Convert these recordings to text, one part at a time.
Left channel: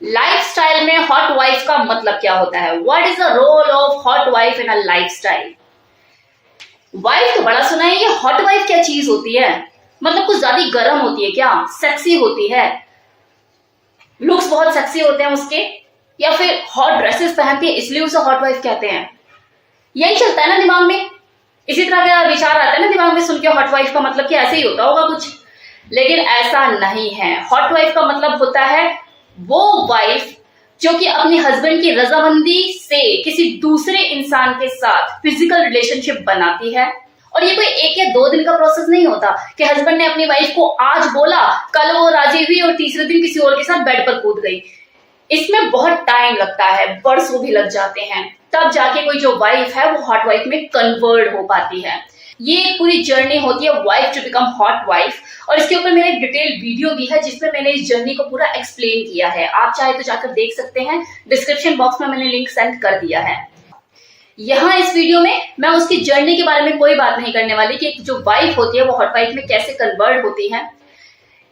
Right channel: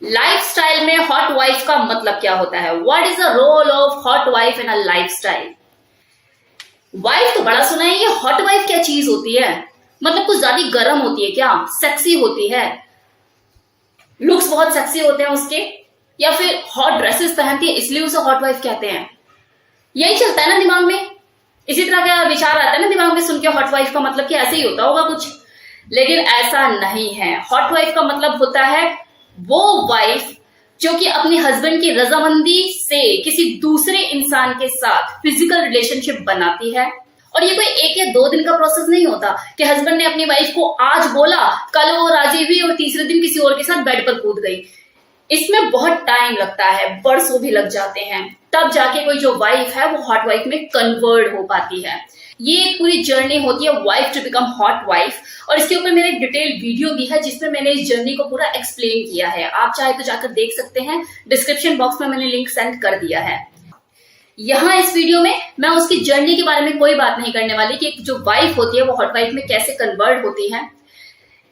Lifestyle में hot wife का मतलब क्या होता है? What is the role of hot wife in a lifestyle? Wife तो बड़ा सुना है, ये हॉट वाइफ क्या चीज होती है? मतलब कुछ ज्यादा गर्म होती है क्या? सेक्सी होती है? लुक्स बहुत सेक्सी होते हैं उसके? या फिर हॉट ड्रेसेस पहनती है इसलिए उसे हॉट वाइफ कहते हैं? यही चलता है ना दिमाग में, इसी तरह का विचार आता है ना दिमाग में सुन के हॉट वाइफ का मतलब कि ऐसे ही होता होगा कुछ। लेकिन ऐसा नहीं है। हॉट वाइफ का मतलब होता है वो वाइफ जो कि अपनी हस्बैंड की रजामंदी से किसी दूसरे इंसान के साथ फिजिकल रिलेशनशिप बनाती है। और ये कोई एक या दो दिन का प्रोसेस नहीं होता कि हस्बैंड ने अपनी वाइफ को आज बोला, कल वो राजी हुई और तीसरे दिन किसी और के साथ बेड पर कूद गई। इसमें बहुत टाइम लगता है, बरसों भी लग जाते हैं, तब जाके कोई जो वाइफ है वो हॉट वाइफ में कन्वर्ट हो पाती है। ये एक पूरी जर्नी होती है wife to become hot wife, और इसके ऊपर मैंने एक डिटेल वीडियो भी है जिसमें मैंने इस जर्नी को पूरा एक्सप्लेन किया है। आप चाहे तो जाकर देख सकते हैं, डिस्क्रिप्शन बॉक्स में मैंने लिंक सेंड कर दिया है। यहाँ इस वीडियो में मैं उसकी जर्नी के बारे में कोई बात नहीं करने वाली कि जो वाइफ होती है वो हॉट वाइफ में कैसे कन्वर्ट होती है।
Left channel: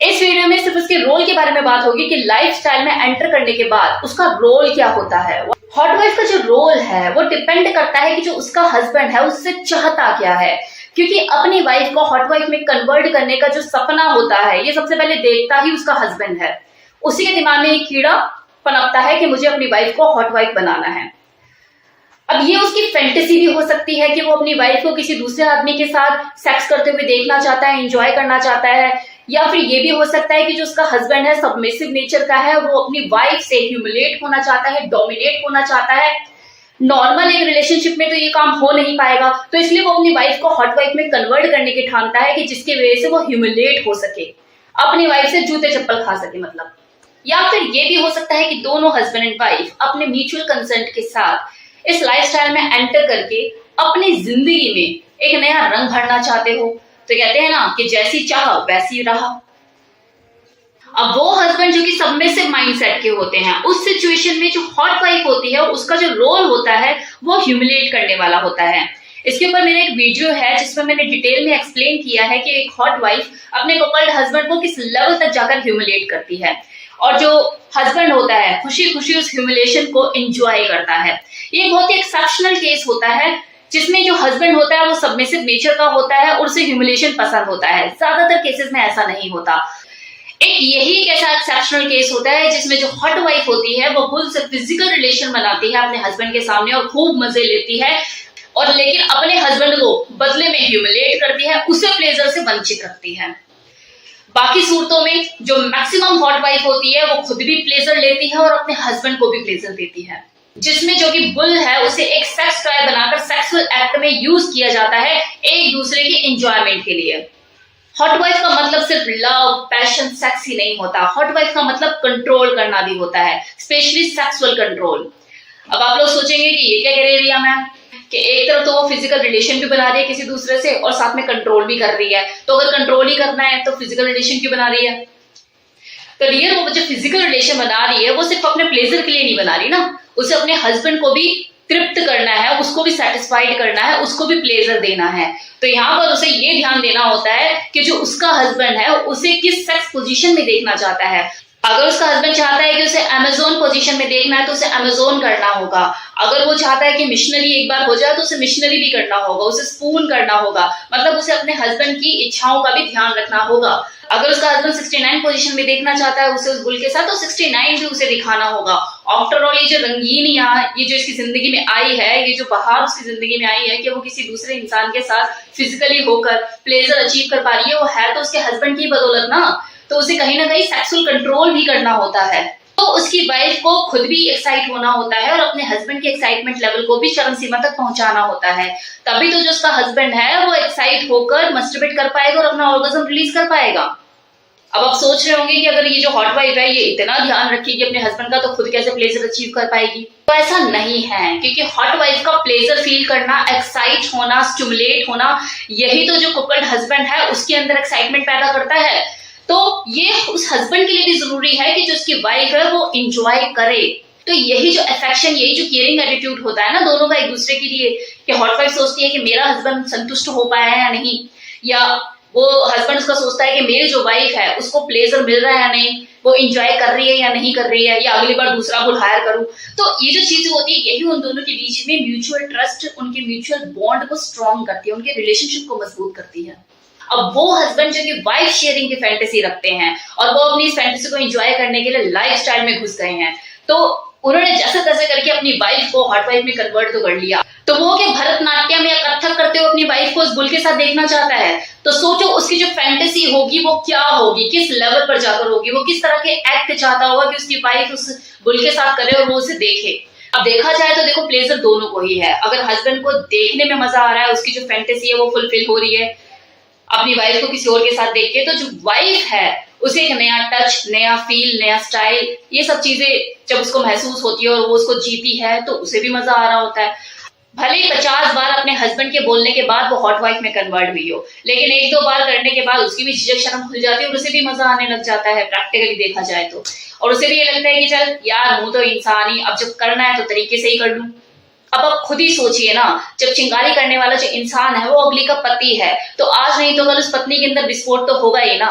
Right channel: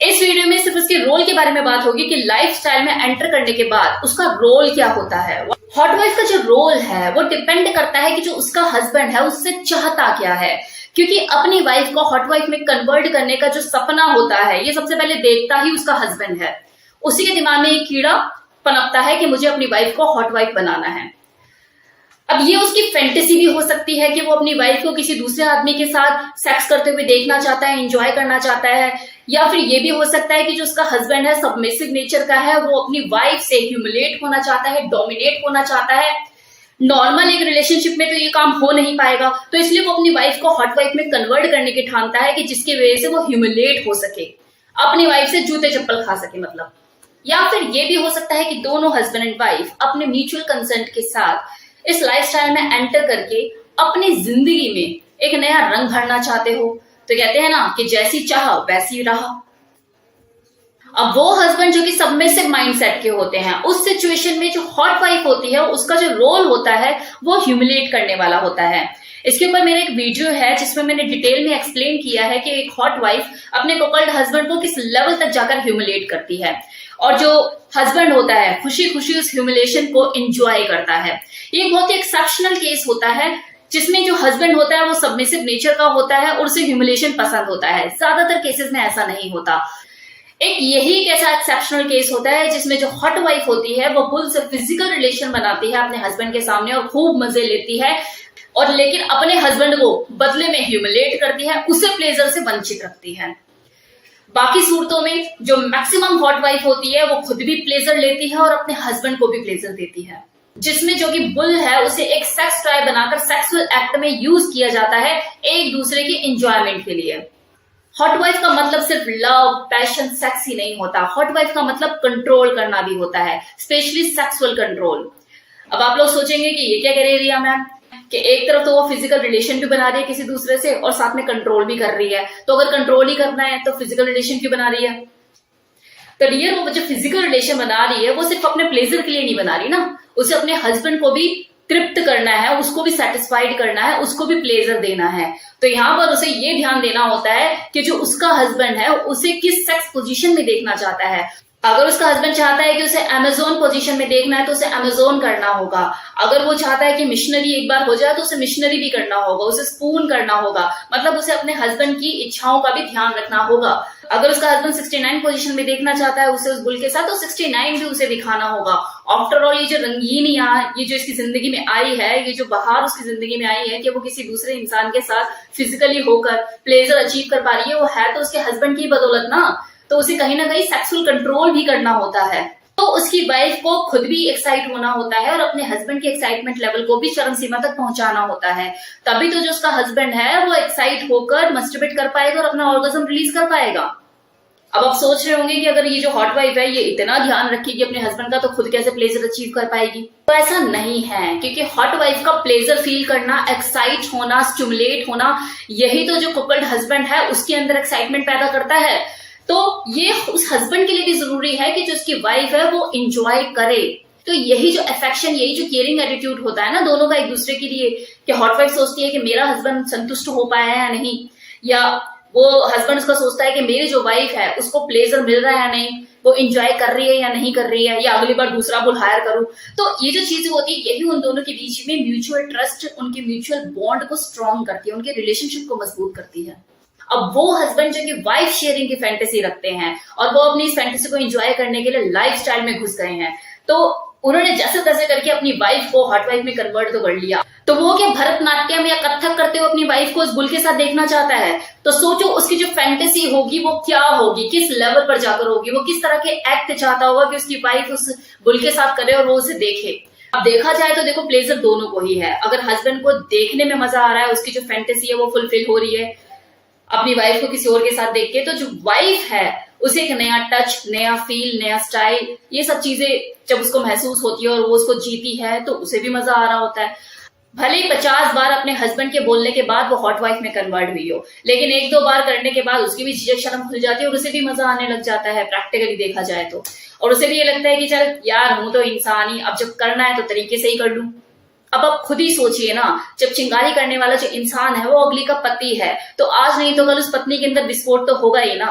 इस वीडियो में सिर्फ उसके रोल के बारे में बात होगी कि लाइफस्टाइल में एंटर करने के बाद उसका रोल क्या होता है। हॉट वाइफ का जो रोल है वो डिपेंड करता है कि जो उसका हस्बैंड है उससे चाहता क्या है, क्योंकि अपनी वाइफ को हॉट वाइफ में कन्वर्ट करने का जो सपना होता है ये सबसे पहले देखता ही उसका हस्बैंड है। उसी के दिमाग में एक कीड़ा पनपता है कि मुझे अपनी वाइफ को हॉट वाइफ बनाना है। अब ये उसकी फैंटेसी भी हो सकती है कि वो अपनी वाइफ को किसी दूसरे आदमी के साथ सेक्स करते हुए देखना चाहता है, एंजॉय करना चाहता है, या फिर ये भी हो सकता है कि जो उसका हस्बैंड है सबमिसिव नेचर का है, वो अपनी वाइफ से ह्यूमिलेट होना चाहता है, डोमिनेट होना चाहता है। नॉर्मल एक रिलेशनशिप में तो ये काम हो नहीं पाएगा, तो इसलिए वो अपनी वाइफ को हॉट वाइफ में कन्वर्ट करने की ठानता है कि जिसकी वजह से वो ह्यूमिलेट हो सके, अपनी वाइफ से जूते चप्पल खा सके मतलब। या फिर ये भी हो सकता है कि दोनों हस्बैंड एंड वाइफ अपने म्यूचुअल कंसेंट के साथ इस लाइफस्टाइल में एंटर करके अपनी जिंदगी में एक नया रंग भरना चाहते हो। तो कहते हैं ना कि जैसी चाह वैसी रहा। अब वो हस्बैंड जो कि सबमिसिव माइंडसेट के होते हैं, उस सिचुएशन में जो हॉट वाइफ होती है उसका जो रोल होता है वो ह्यूमिलेट करने वाला होता है। इसके ऊपर मेरे एक वीडियो है जिसमें मैंने डिटेल में एक्सप्लेन किया है कि एक हॉट वाइफ अपने कपल्ड हस्बैंड को किस लेवल तक जाकर ह्यूमिलेट करती है, और जो हस्बैंड होता है खुशी खुशी उस ह्यूमिलेशन को एंजॉय करता है। ये बहुत ही एक्सेप्शनल केस होता है जिसमें जो हस्बैंड होता है वो सबमिसिव नेचर का होता है और उसे ह्यूमिलेशन पसंद होता है। ज्यादातर केसेस में ऐसा नहीं होता। एक यही एक ऐसा एक्सेप्शनल केस होता है जिसमें जो हॉट वाइफ होती है वो फुल से फिजिकल रिलेशन बनाती है अपने हस्बैंड के सामने और खूब मजे लेती है, और लेकिन अपने हस्बैंड को बदले में ह्यूमिलेट करती है, उसे प्लेजर से वंचित रखती है। बाकी सूरतों में जो मैक्सिमम हॉट वाइफ होती है वो खुद भी प्लेजर लेती है और अपने हस्बैंड को भी प्लेजर देती है, जिसमें जो कि बुल है उसे एक सेक्स टॉय बनाकर सेक्सुअल एक्ट में यूज किया जाता है एक दूसरे की एंजॉयमेंट के लिए। हॉट वाइफ का मतलब सिर्फ लव, पैशन, सेक्स ही नहीं होता। हॉट वाइफ का मतलब कंट्रोल करना भी होता है, स्पेशली सेक्सुअल कंट्रोल। अब आप लोग सोचेंगे कि ये क्या कह रही है मैम, कि एक तरफ तो वो फिजिकल रिलेशन भी बना रही है किसी दूसरे से और साथ में कंट्रोल भी कर रही है, तो अगर कंट्रोल ही करना है तो फिजिकल रिलेशन क्यों बना रही है? तो डियर, वो जो फिजिकल रिलेशन बना रही है वो सिर्फ अपने प्लेजर के लिए नहीं बना रही ना, उसे अपने हस्बैंड को भी तृप्त करना है, उसको भी सेटिस्फाइड करना है, उसको भी प्लेजर देना है। तो यहाँ पर उसे ये ध्यान देना होता है कि जो उसका हस्बैंड है उसे किस सेक्स पोजीशन में देखना चाहता है। अगर उसका हस्बैंड चाहता है कि उसे अमेजोन पोजीशन में देखना है तो उसे अमेजोन करना होगा। अगर वो चाहता है कि मिशनरी एक बार हो जाए तो उसे मिशनरी भी करना होगा, उसे स्पून करना होगा, मतलब उसे अपने हस्बैंड की इच्छाओं का भी ध्यान रखना होगा। अगर उसका हस्बैंड 69 पोजीशन में देखना चाहता है उसे उस बुल के साथ, तो 69 भी उसे दिखाना होगा। आफ्टर ऑल ये जो रंगीन यहाँ ये जो इसकी जिंदगी में आई है, ये जो बहार उसकी जिंदगी में आई है कि वो किसी दूसरे इंसान के साथ फिजिकली होकर प्लेजर अचीव कर पा रही है, वो है तो उसके हस्बैंड की बदौलत ना। तो उसे कहीं ना कहीं सेक्सुअल कंट्रोल भी करना होता है, तो उसकी वाइफ को खुद भी एक्साइट होना होता है और अपने हस्बैंड के एक्साइटमेंट लेवल को भी चरम सीमा तक पहुंचाना होता है। तभी तो जो उसका हस्बैंड है वो एक्साइट होकर मस्टरबेट कर पाएगा और अपना ऑर्गेज्म रिलीज कर पाएगा। अब आप सोच रहे होंगे कि अगर ये जो हॉट वाइफ है ये इतना ध्यान रखेगी अपने हस्बैंड का, तो खुद कैसे प्लेजर अचीव कर पाएगी? तो ऐसा नहीं है, क्योंकि हॉट वाइफ का प्लेजर फील करना, एक्साइट होना, स्टिमुलेट होना, यही तो जो कपल्ड हस्बैंड है उसके अंदर एक्साइटमेंट पैदा करता है। तो ये उस हस्बैंड के लिए भी जरूरी है कि जो उसकी वाइफ है वो एंजॉय करे। तो यही जो अफेक्शन, यही जो केयरिंग एटीट्यूड होता है ना दोनों का एक दूसरे के लिए, कि हॉट वाइफ सोचती है कि मेरा हस्बैंड संतुष्ट हो पाया है या नहीं, या वो हस्बैंड उसका सोचता है कि मेरी जो वाइफ है उसको प्लेजर मिल रहा है या नहीं, वो इंजॉय कर रही है या नहीं कर रही है, या अगली बार दूसरा बुल हायर करूं। तो ये जो चीजें होती है यही उन दोनों के बीच में म्यूचुअल ट्रस्ट, उनके म्यूचुअल बॉन्ड को स्ट्रॉन्ग करती है, उनके रिलेशनशिप को मजबूत करती है। अब वो हस्बैंड जो कि वाइफ शेयरिंग की फैंटेसी रखते हैं और वो अपनी इस फैंटेसी को एंजॉय करने के लिए लाइफस्टाइल में घुस गए हैं, तो उन्होंने जैसे तैसे करके अपनी वाइफ को हॉट वाइफ में कन्वर्ट तो कर लिया। तो वो क्या भरतनाट्यम या कथक करते हुए अपनी वाइफ को उस बुल के साथ देखना चाहता है, तो सोचो उसकी जो फैंटेसी होगी वो क्या होगी, किस लेवल पर जाकर होगी, वो किस तरह के एक्ट चाहता होगा कि उसकी वाइफ उस बुल के साथ करे और वो उसे देखे। अब देखा जाए तो देखो प्लेजर दोनों को ही है। अगर हस्बैंड को देखने में मजा आ रहा है, उसकी जो फैंटेसी है वो फुलफिल हो रही है अपनी वाइफ को किसी और के साथ देख के, तो जो वाइफ है उसे एक नया टच, नया फील, नया स्टाइल, ये सब चीजें जब उसको महसूस होती है और वो उसको जीती है तो उसे भी मजा आ रहा होता है। भले 50 बार अपने हस्बैंड के बोलने के बाद वो हॉट वाइफ में कन्वर्ट हुई हो, लेकिन एक दो बार करने के बाद उसकी भी झिझक शर्म खुल जाती है और उसे भी मजा आने लग जाता है प्रैक्टिकली देखा जाए तो। और उसे भी ये लगता है कि चल यार हूं तो इंसान ही, अब जब करना है तो तरीके से ही कर लूं। अब आप खुद ही सोचिए ना, जब चिंगारी करने वाला जो इंसान है वो अगली का पति है, तो आज नहीं तो कल उस पत्नी के अंदर विस्फोट तो होगा ही ना।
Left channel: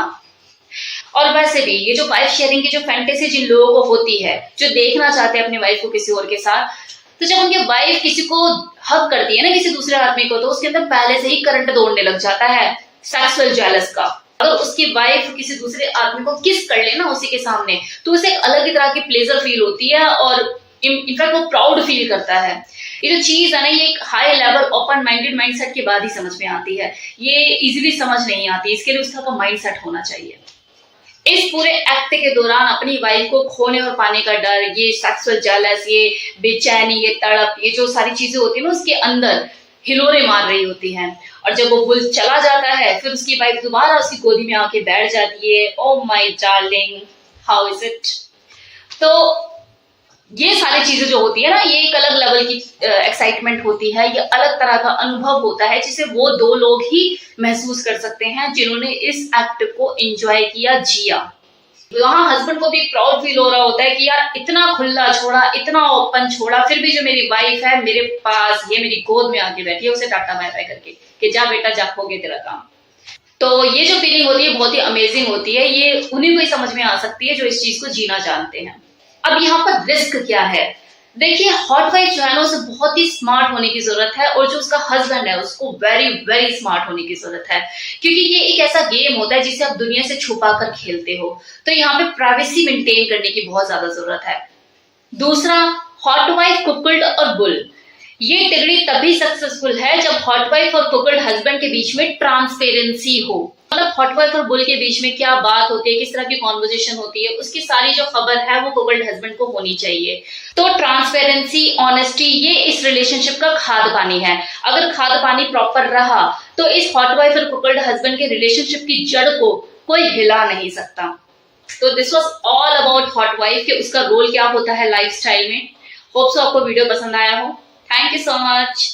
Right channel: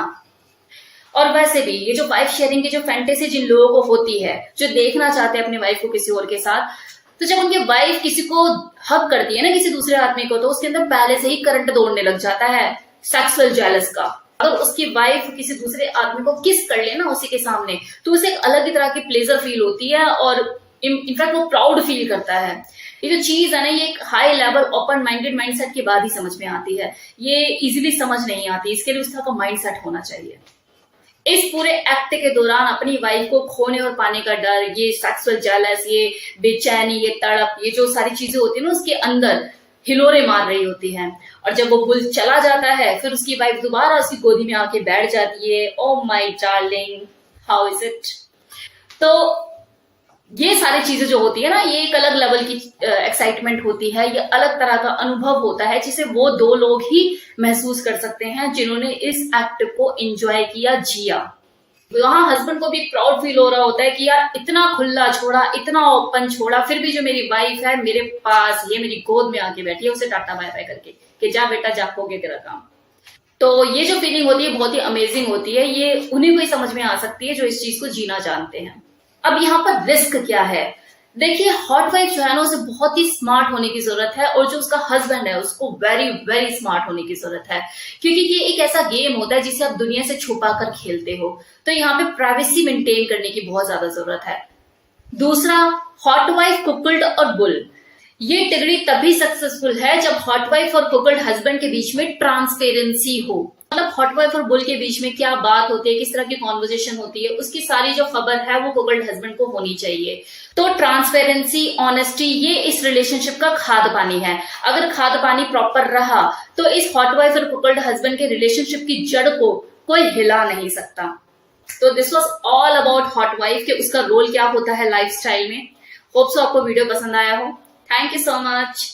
और वैसे भी ये जो वाइफ शेयरिंग की जो फैंटेसी जिन लोगों को होती है, जो देखना चाहते हैं अपनी वाइफ को किसी और के साथ, तो जब उनकी वाइफ किसी को हक करती है ना, किसी दूसरे आदमी को, तो उसके अंदर पहले से ही करंट दौड़ने लग जाता है सेक्सुअल जेलस का। अगर उसकी वाइफ किसी दूसरे आदमी को किस कर ले ना उसी के सामने, तो उसे एक अलग ही तरह की प्लेजर फील होती है और इनफैक्ट वो प्राउड फील करता है। ये जो चीज है ना, ये एक high level open minded mindset के बाद ही समझ में आती है, ये इजीली समझ नहीं आती। इसके लिए उस तरह का माइंडसेट होना चाहिए। इस पूरे एक्ट के दौरान अपनी वाइफ को खोने और पाने का डर, ये सेक्सुअल जेलस, ये बेचैनी, ये तड़प, ये जो सारी चीजें होती है ना उसके अंदर हिलोरे मार रही होती हैं। और जब वो बुल चला जाता है फिर उसकी वाइफ दोबारा उसकी गोदी में आके बैठ जाती है, oh my darling how is it. तो ये सारी चीजें जो होती है ना, ये एक अलग लेवल की एक्साइटमेंट होती है, ये अलग तरह का अनुभव होता है जिसे वो दो लोग ही महसूस कर सकते हैं जिन्होंने इस एक्ट को एंजॉय किया, जिया। वहां हस्बैंड को भी प्राउड फील हो रहा होता है कि यार इतना खुला छोड़ा, इतना ओपन छोड़ा, फिर भी जो मेरी वाइफ है मेरे पास, ये मेरी गोद में आके बैठी है, उसे टाटा बाय बाय करके कि जा बेटा जा, हो गया तेरा काम। तो ये जो फीलिंग होती है बहुत ही अमेजिंग होती है, ये उन्हीं को ही समझ में आ सकती है जो इस चीज को जीना जानते हैं। अब यहाँ पर रिस्क क्या है? देखिए हॉट वाइफ जो है ना उसे बहुत ही स्मार्ट होने की जरूरत है, और जो उसका हस्बैंड है उसको वेरी वेरी स्मार्ट होने की जरूरत है, क्योंकि ये एक ऐसा गेम होता है जिसे आप दुनिया से छुपा कर खेलते हो, तो यहाँ पे प्राइवेसी मेंटेन करने की बहुत ज्यादा जरूरत है। दूसरा, हॉट वाइफ, कुकल्ड और बुल, ये टिगड़ी तभी सक्सेसफुल है जब हॉट वाइफ और कुकल्ड हस्बैंड के बीच में ट्रांसपेरेंसी हो। मतलब हॉट वाइफ और बुल के बीच में क्या बात होती है, किस तरह की कॉन्वर्जेशन होती है, उसकी सारी जो खबर है वो कुकल्ड हस्बैंड को होनी चाहिए। तो ट्रांसपेरेंसी, ऑनेस्टी, ये इस रिलेशनशिप का खाद पानी है। अगर खाद पानी प्रॉपर रहा तो इस हॉट वाइफ और कुकल्ड हस्बैंड के रिलेशनशिप की जड़ को कोई हिला नहीं सकता। तो this was all about hot wife के उसका रोल क्या होता है लाइफस्टाइल में। होप सो आपको वीडियो पसंद आया हो। Thank you so much.